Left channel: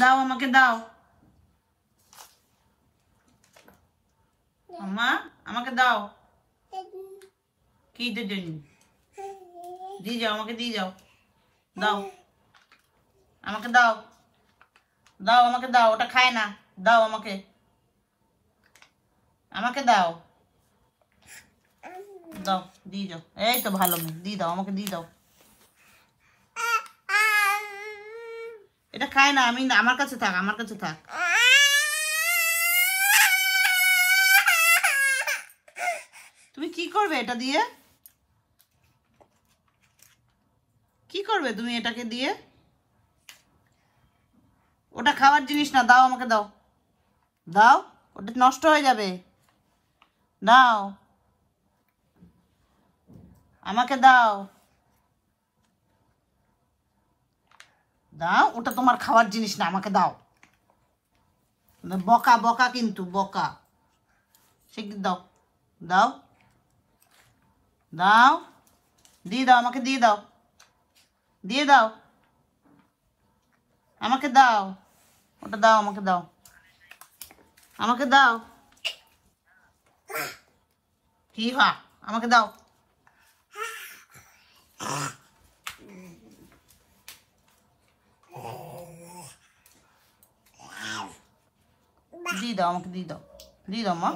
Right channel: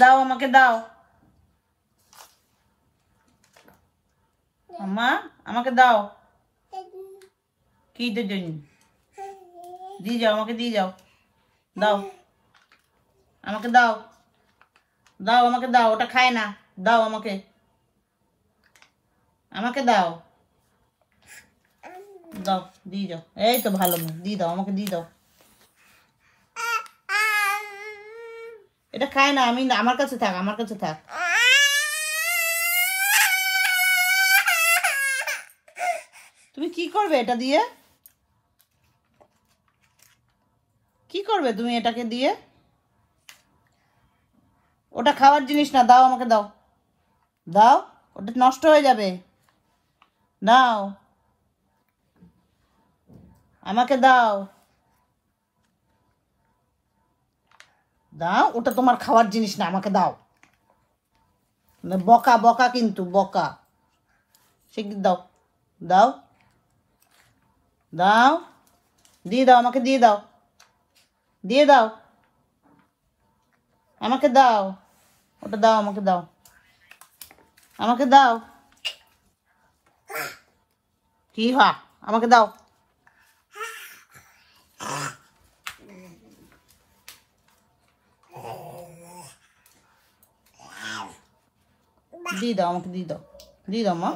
দাও, আমাকে দাও। আম্মা আমাকে দাও। কি জন্য? দিয়ে যাও, আমাকে দিয়ে যাও। দাও, আমাকে দাও। দাও, আমাকে দাও। ওটা খায় না। দাও আমাকে, আমাকে দাও। দাও, দিয়ে যাও। এই তো ভালো মেয়ে, দিয়ে দাও, আমাকে দিয়ে দাও। এটা খায় না। আমি আমার কাছে থাক, আমার কাছে থাক। তুমি কি করবে এটা দিয়ে? কি করবে তুমি এটাকে দিয়ে? ওটা খাওয়ার জিনিস না। দাও, আমাকে দাও। দাও, ওটা নষ্ট হয়ে যাবে। দাও, আমাকে দাও। দাও, ওটা তোমার খাওয়ার জিনিস না, আমাকে দাও। বকা বকা, কিন্তু বকা। শিগগির দাও। দাও, দাও, দিয়ে দাও, আমাকে দিয়ে দাও। দিয়ে দাও, আমাকে দাও। ওটা দাও, আমাকে দাও। আমাকে দাও। কি হা? আমাকে দাও। দিয়ে দাও, আমাকে দিয়ে দাও। দিয়ে দাও মা।